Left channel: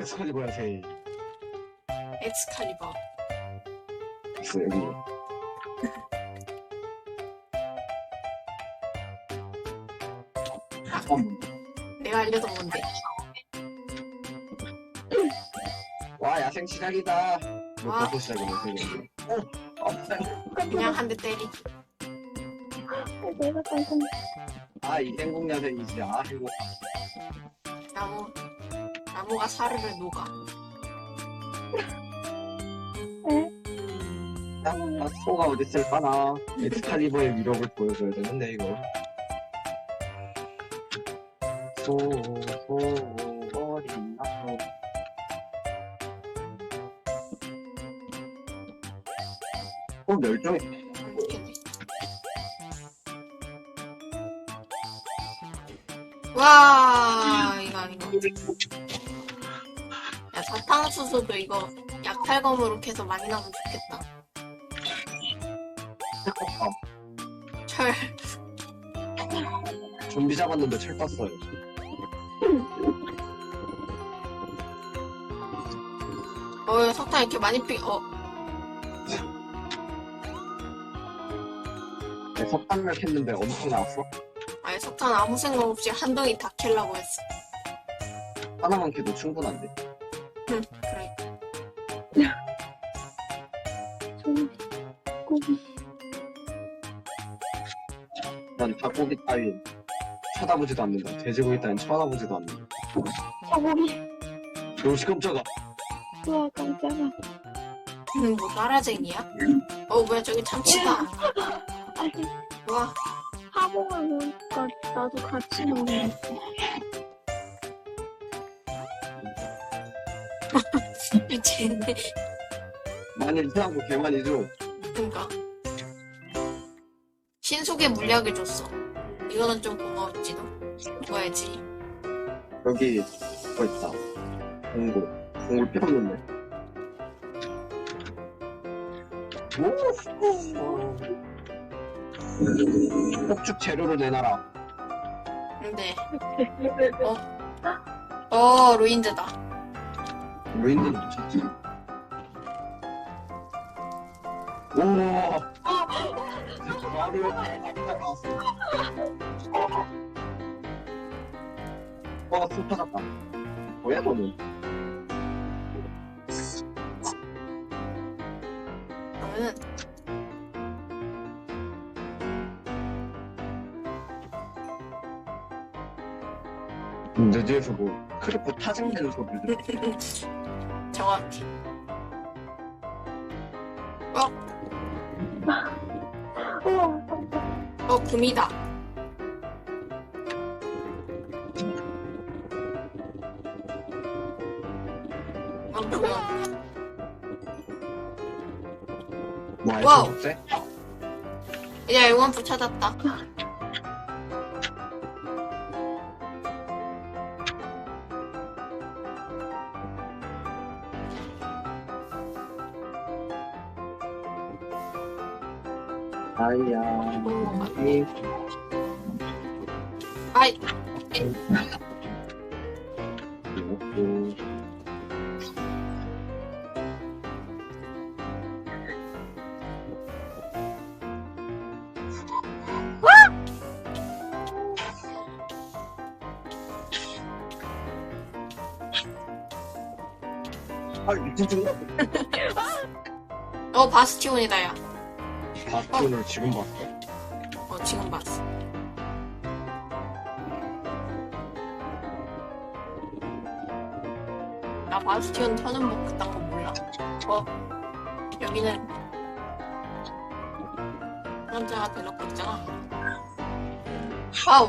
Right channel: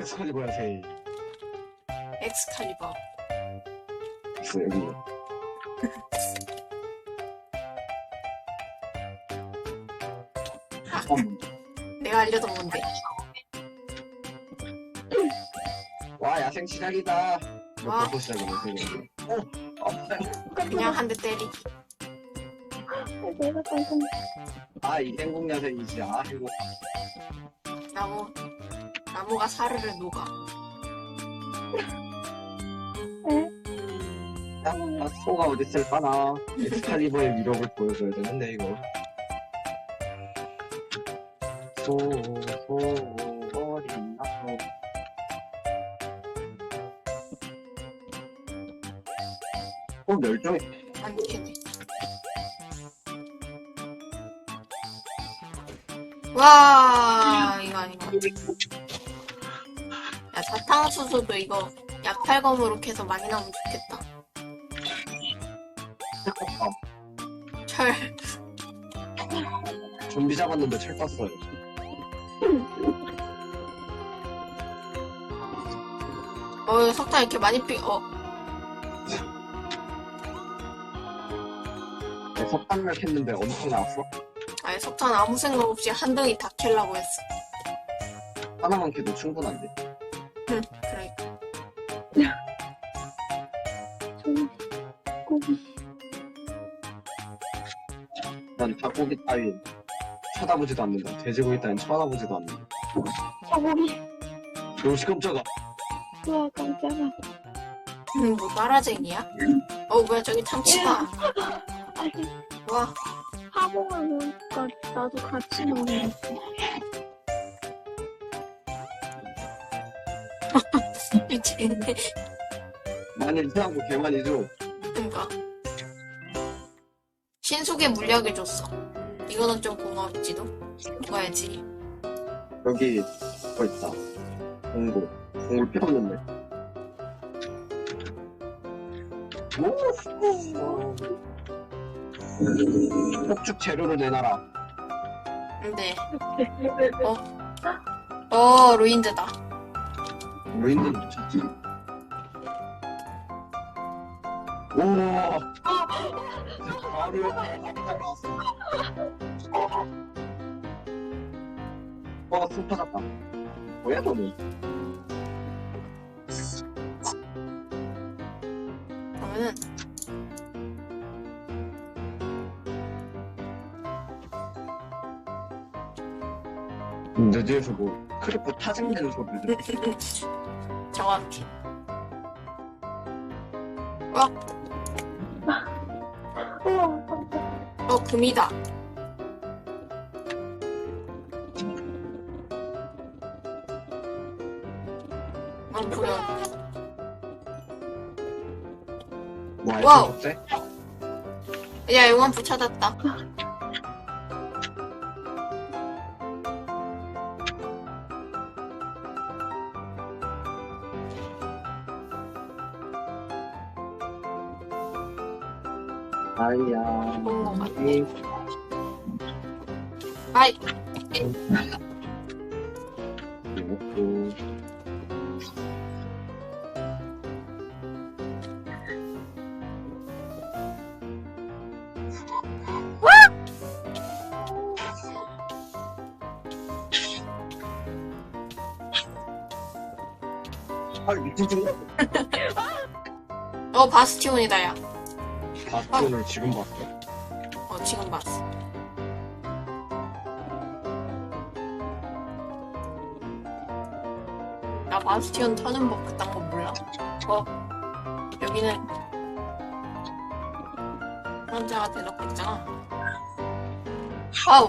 엑스칼리버야 제일 엑스칼리버. 있어 여기 내가. 와 야생 시작이다 이거 벌써 시작이네 되게 어? 아프다 그냥 한대 때리. 내가 깜짝 아이 행복 야생이지 아 이거 나무. 아, 소가 어디 있을까나 엑스칼리버의 위력을 보여줘야 되는데 이거 소, 소, 어딨나 소. 어 멸종이 와, 이거 이거. 야, 좀비 잡았는데 철 떴어요 어, 석탄 이렇게 많이 필, 어. 네, 석탄을 캤는데 엄청 나왔어 아니, 석탄 아무 생각 없이 한 덩이 다 킬라고 했어. 하나만 캐도 충분한데 그러니까. 좀 고기 난 닭고기 따위 쳐다보지도 않는다. 돼지고기 따윈 쳐다보지도 않는다. 소고기. 요시 깜짝아. 우와 깜짝아. 마라쟁이야. 어, 뭐야, 저기 참치. 아니 하복을 보니까 나도 같이 먹네 미치겠네. 많이 이상한 거 개많이죠 신속의 물약을 줬어. 이거는 좀 고마웠지도. 줘야지. 여기 뭐 있다 공고 공고 필요 없는데 오 폭죽 재료를 내놔라 근데, 어, 루인드다. 루인드는 미쳤지 우와 바로 옆에 나왔어 와, 술 터졌다. 뭐야, 너는? 내 뒤에서 뭐, 크리퍼 타징되는 소리를 들어. 정확히. 우 뭐, 알찬 적재? 야, 용암프 찾았다. 아이야, 이 아이, 아, 미친 친구? 어, 바스티온이다, 야. 바스티온을 지금 봤어. 어, 지금 봤어. 나 바스티온 터는 거 그딴 거 몰라. 어, 여기는 대놓고 있잖아. 아우,